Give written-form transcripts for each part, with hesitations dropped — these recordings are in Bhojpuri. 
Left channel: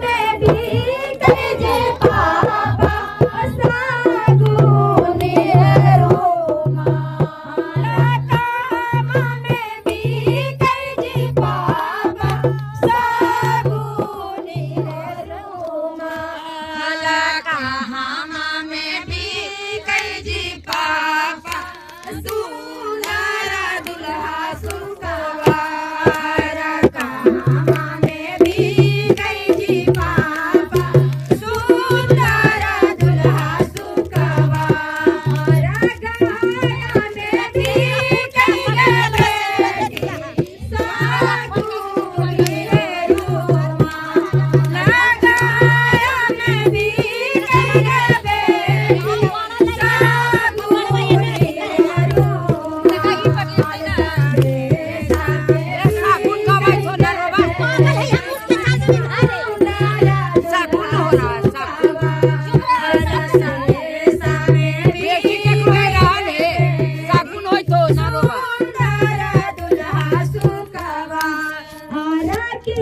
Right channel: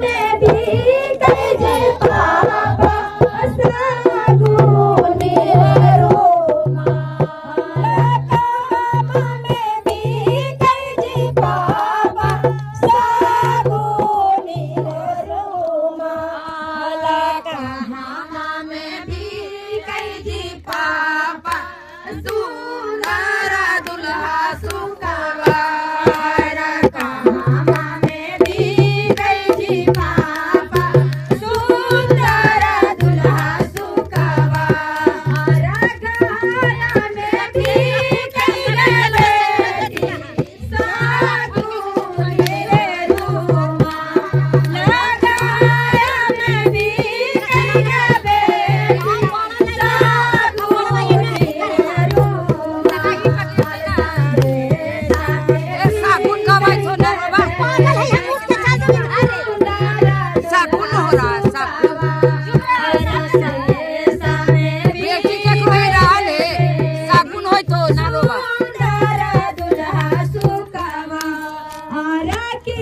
में भी कई जी पापा सागुनी रोमा काम में भी कई जी पापा सागुनी रोमा काम में भी कई जी पापा सुंदर दुल्हा सुखवार काम में भी कई जी पापा सुंदर दुल्हा सुखवार गाया में भी कई बेटी सागुनी रोमा गाया में भी कई बेटी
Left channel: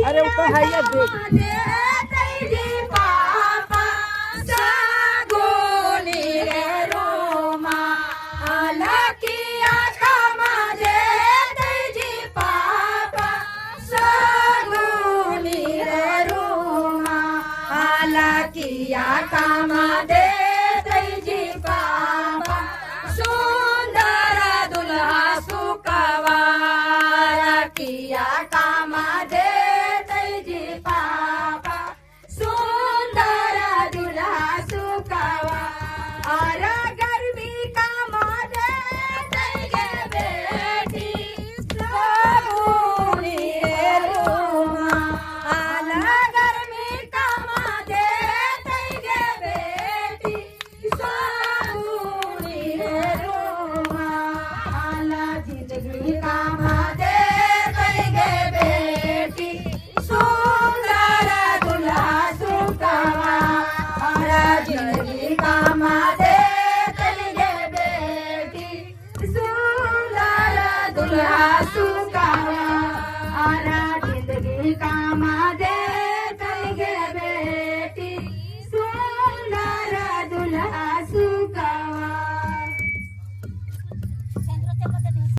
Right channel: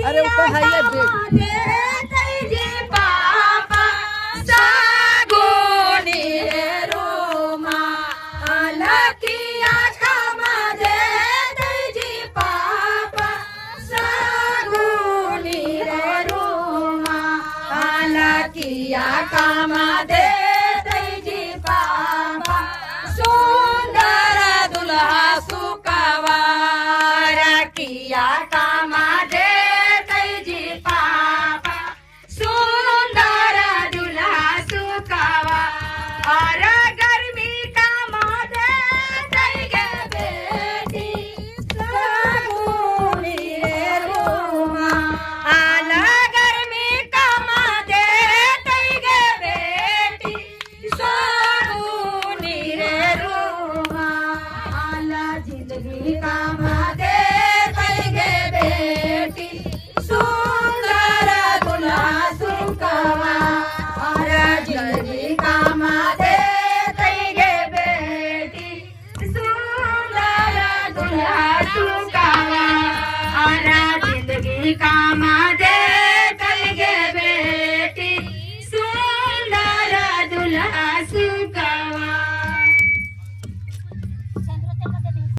अरे वो तो है ये कामा दे जी पापा सुंदर दुल्हा सुखवा किया कामा दे जी पापा सुंदर दुल्हा सुखवा और गर्मी कामा दे गे बेटी सागुनी रोमा आला गर्मी कामा दे गे बेटी सागुनी रोमा आला जिंदगी कामा दे गे बेटी सुंदर दुल्हा सुखवा और जिंदगी कामा दे गे बेटी सुंदर दुल्हा सुखवा और जिंदगी कामा दे